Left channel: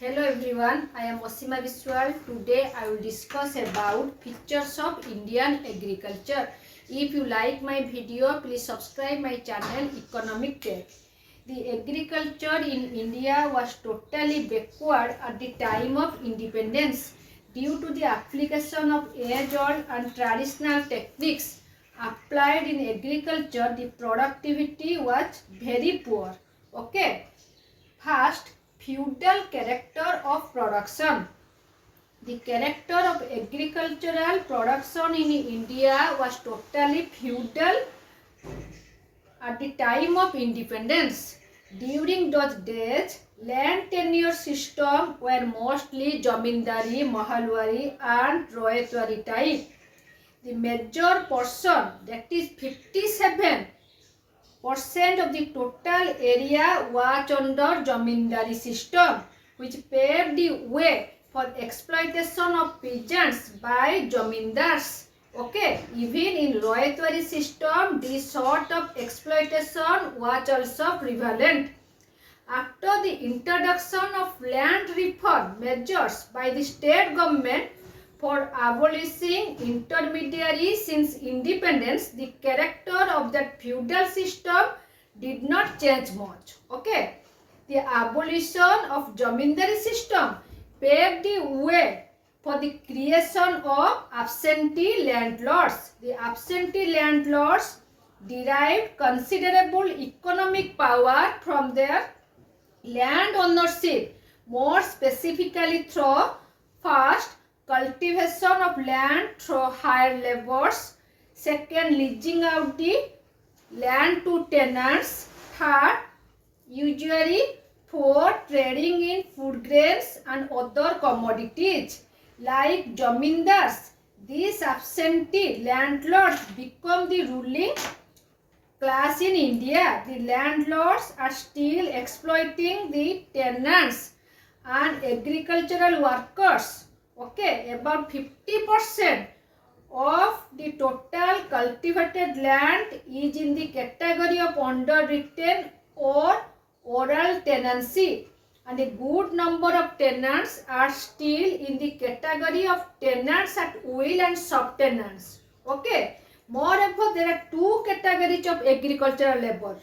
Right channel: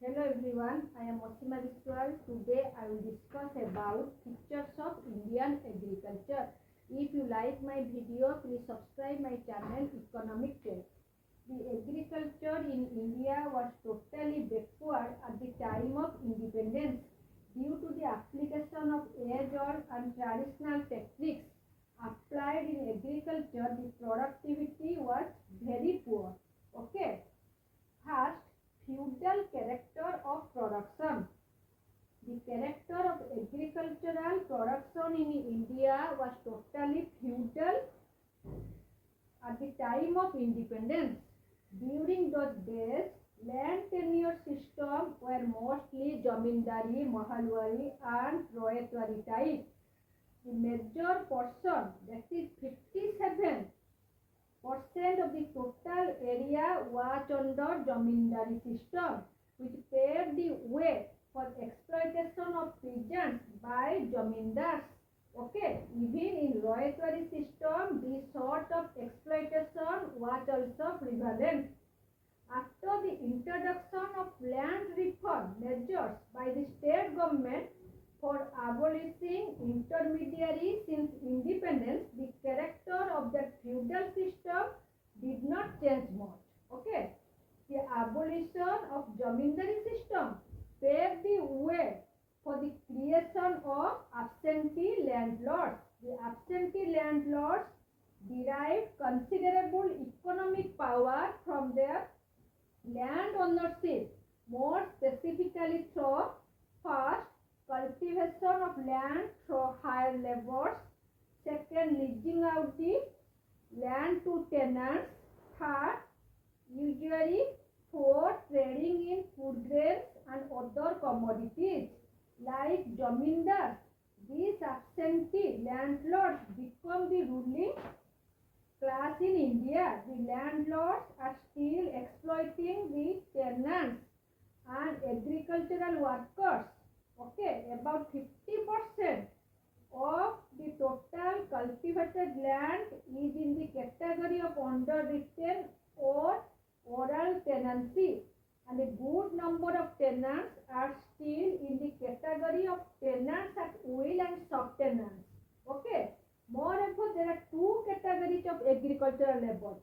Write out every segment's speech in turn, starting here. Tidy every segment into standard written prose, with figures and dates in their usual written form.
Hello everyone, I am Osima Biswal. Today I will discuss about features of Indian agriculture. If you like my video, please subscribe my channel Economic Tech. The agriculture in India was totally backward at the time of independence due to the application of age-old and traditional techniques applied in agriculture. The productivity was very poor. Okay. First, feudal character of production. The character of agricultural production in India was totally feudal at the time of independence. During those days, land tenure system were mostly Jamindari, Mahalwari and Royatwari type. The major portion, that is 57% of the total area was under Jamindari system, which paved the way for exploitation of peasants by Jamindars. Okay, even in Royatwari system, this sort of exploitation was also prevalent. After the introduction of land reform measures by the state government for abolishing intermediaries since independence, the character of that feudal system did not change much. Okay, the abolition of Jamindari system paved the way for the creation of absentee landlords. The absentee landlords derived considerable economic power from their land ownership, more specifically through first, cultivation of land through hired laborers, second, leasing out the land to tenants, third, usually for trading in food grains and other commodities. Like jamindars, these absentee landlords become the ruling class in India. The landlords are still exploiting the tenants and agricultural workers. Okay, about 50% of the total cultivated land is in the category of underwritten or oral tenancy, and a good number of tenants are still in the category of tenants at will and subtenants. Okay. Moreover, there are two categories of agricultural labor:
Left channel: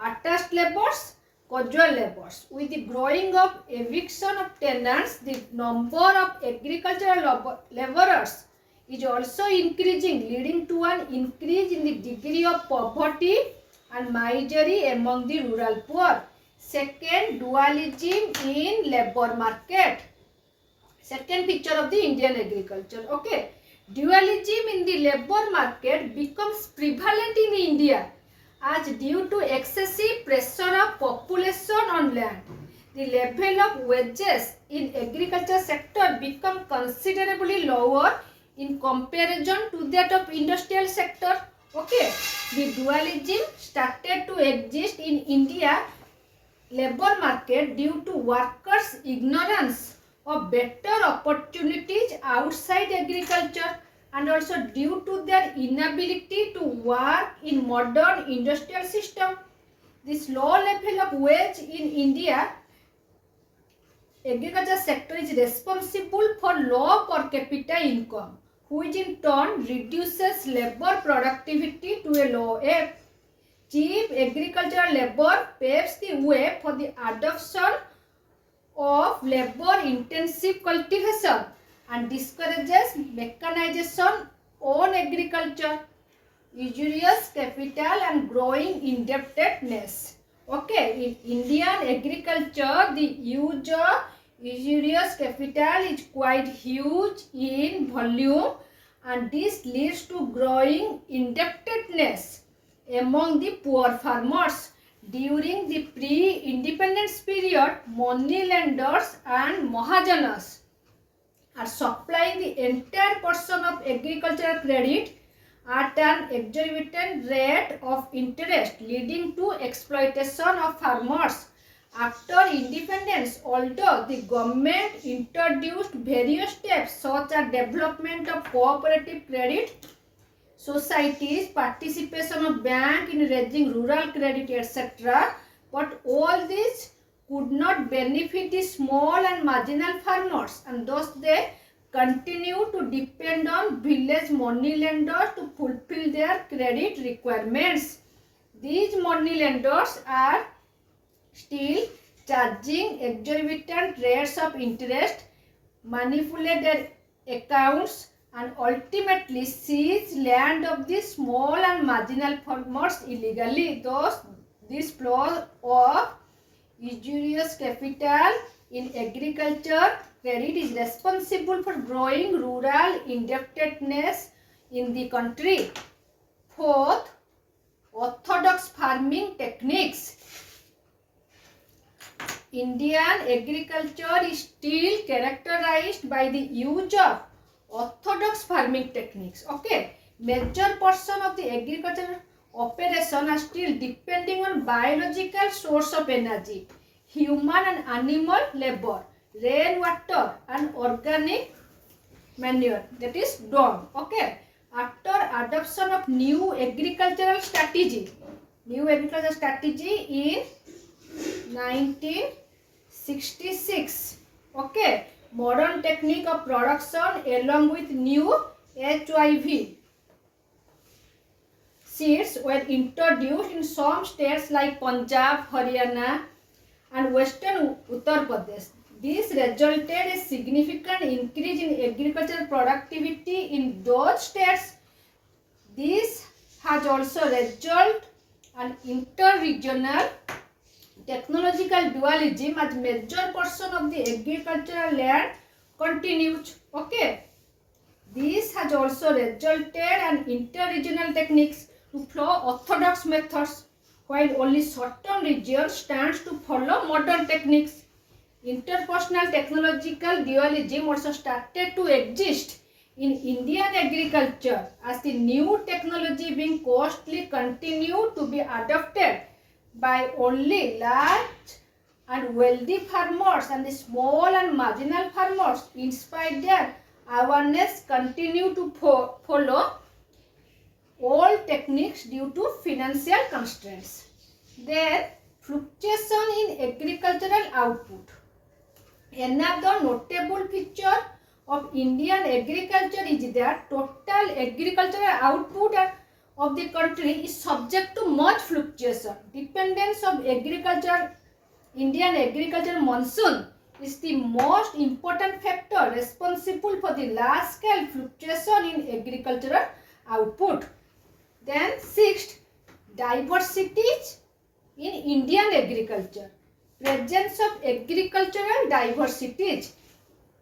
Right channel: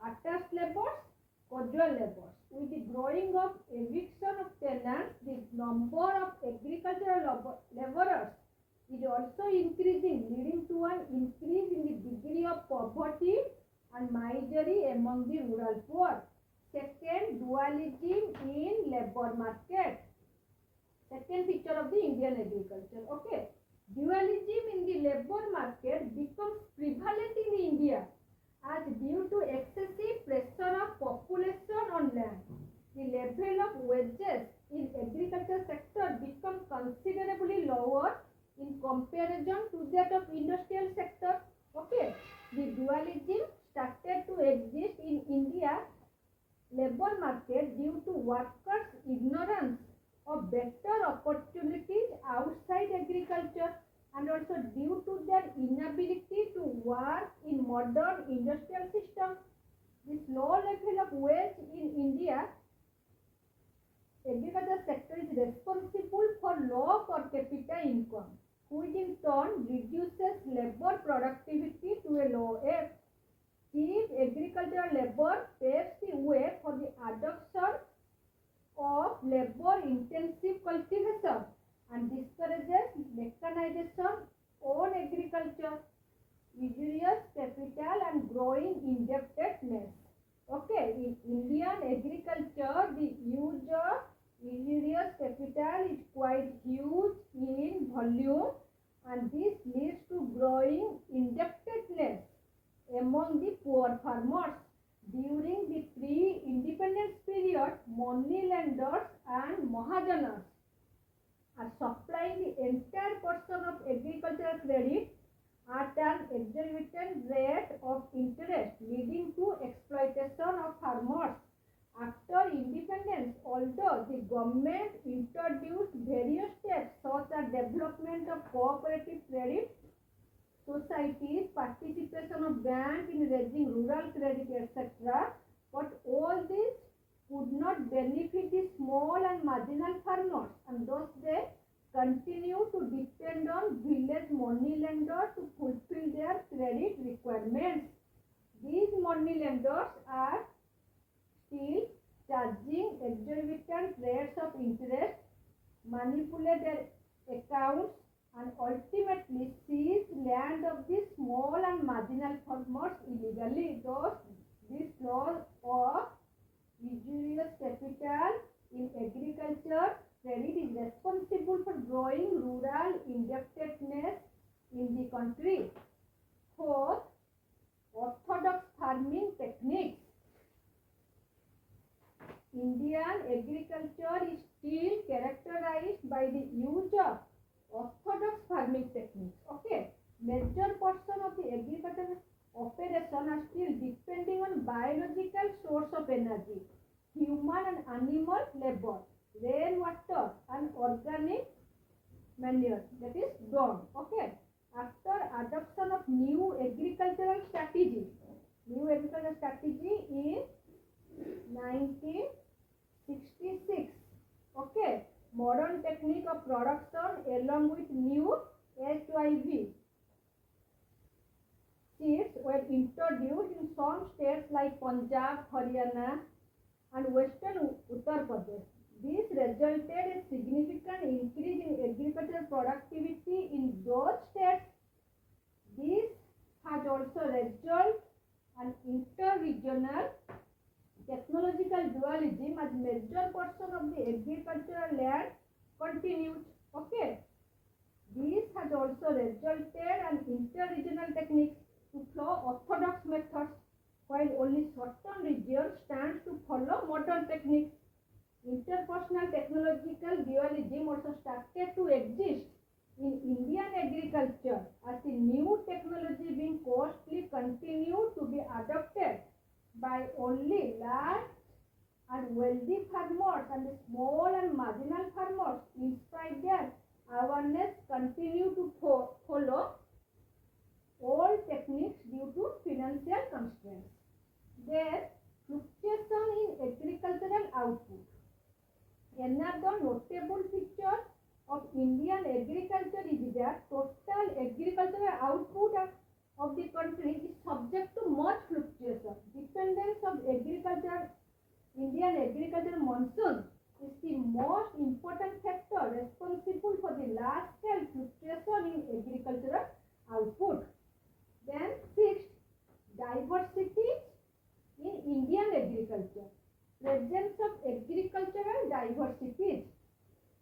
attached laborers, casual laborers. With the growing of eviction of tenants, the number of agricultural laborers is also increasing, leading to an increase in the degree of poverty and misery among the rural poor. Second, dualism in labor market. Second feature of the Indian agriculture. Okay. Dualism in the labor market becomes prevalent in India as due to excessive pressure of population on land. The level of wages in agriculture sector become considerably lower in comparison to that of industrial sector. Okay, the dualism started to exist in India labor market due to workers' ignorance of better opportunities outside agriculture, and also due to their inability to work in modern industrial system. This low level of wage in India agriculture sector is responsible for low per capita income, which in turn reduces labor productivity to a low ebb. Cheap agricultural labor paves the way for the adoption of labor-intensive cultivation and discourages mechanization on agriculture, usurious capital and growing indebtedness. Okay, in Indian agriculture, the use of usurious capital is quite huge in volume, and this leads to growing indebtedness among the poor farmers. During the pre-independence period, money lenders and Mahajanas are supplying the entire portion of agricultural credit at an exorbitant rate of interest, leading to exploitation of farmers. After independence, although the government introduced various steps such as development of cooperative credit societies, participation of bank in raising rural credit, etc., but all these could not benefit the small and marginal farmers, and thus they continue to depend on village money lenders to fulfill their credit requirements. These money lenders are still charging exorbitant rates of interest, manipulate their accounts, and ultimately seize land of the small and marginal farmers illegally. Thus, this flow of usurious capital in agriculture credit is responsible for growing rural indebtedness in the country. Fourth, orthodox farming techniques. Indian agriculture is still characterized by the use of orthodox farming techniques. Okay, major portion of the agricultural operation are still depending on biological source of energy, human and animal labor, rainwater, and organic manure, that is dung. Okay, after adoption of new agricultural strategy in 1966, okay, modern technique of production along with new HIV seeds were introduced in some states like Punjab, Haryana, and western Uttar Pradesh. This resulted a significant increase in agricultural productivity in those states. This has also resulted in inter-regional technological dualism as major portion of the agricultural land continues. Okay, this has also resulted in inter-regional techniques to follow orthodox methods, while only certain regions stands to follow modern techniques. Interpersonal technological dualism also started to exist in Indian agriculture as the new technology being costly continued to be adopted by only large and wealthy farmers, and the small and marginal farmers, in spite their awareness, continue to follow old techniques due to financial constraints. Then, fluctuation in agricultural output. Another notable feature of Indian agriculture is that total agricultural output of the country is subject to much fluctuation. Dependence of Indian agriculture monsoon is the most important factor responsible for the large scale fluctuation in agricultural output. Then sixth, diversities in Indian agriculture. Presence of agricultural diversities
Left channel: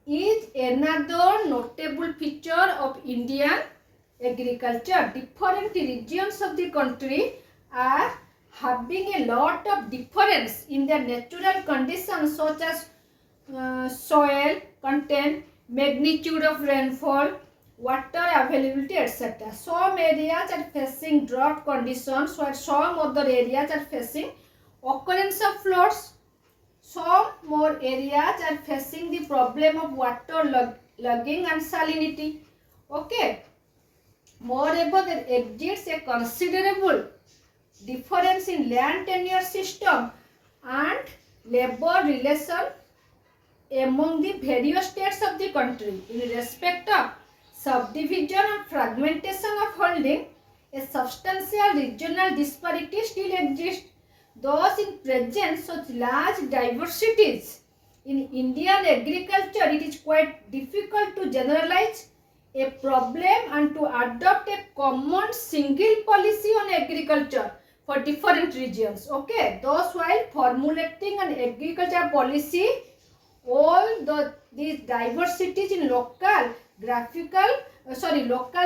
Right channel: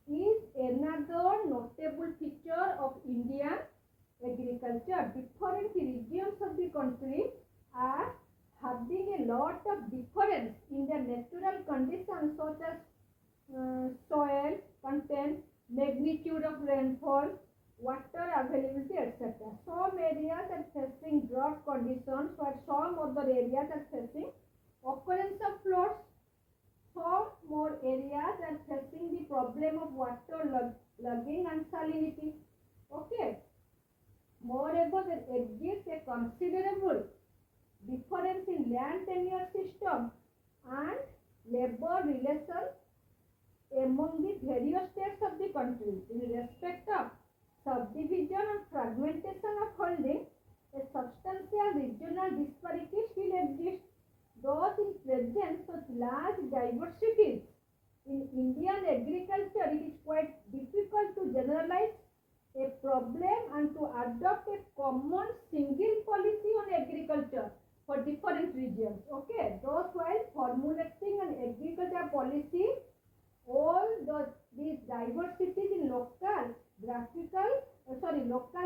is another notable feature of Indian agriculture. Different regions of the country are having a lot of difference in their natural conditions, such as soil content, magnitude of rainfall, water availability, etc. Some areas are facing drought conditions, while some other areas are facing occurrence of floods. Some more areas are facing the problem of water logging and salinity. Okay. Moreover, there exists a considerable difference in land tenure system and labor relation among the various states of the country. In respect of subdivision and fragmentation of holding, a substantial regional disparity still exists. Thus, in present such large diversities in Indian agriculture, it is quite difficult to generalize a problem and to adopt a common single policy on agriculture for different regions. Okay, thus while formulating an agriculture policy, all these diversities in local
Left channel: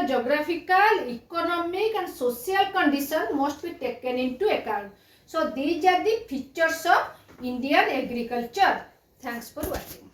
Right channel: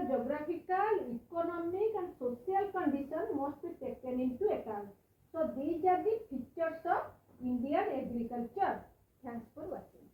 geographical, economic and social conditions must be taken into account. So these are the features of Indian agriculture. Thanks for watching.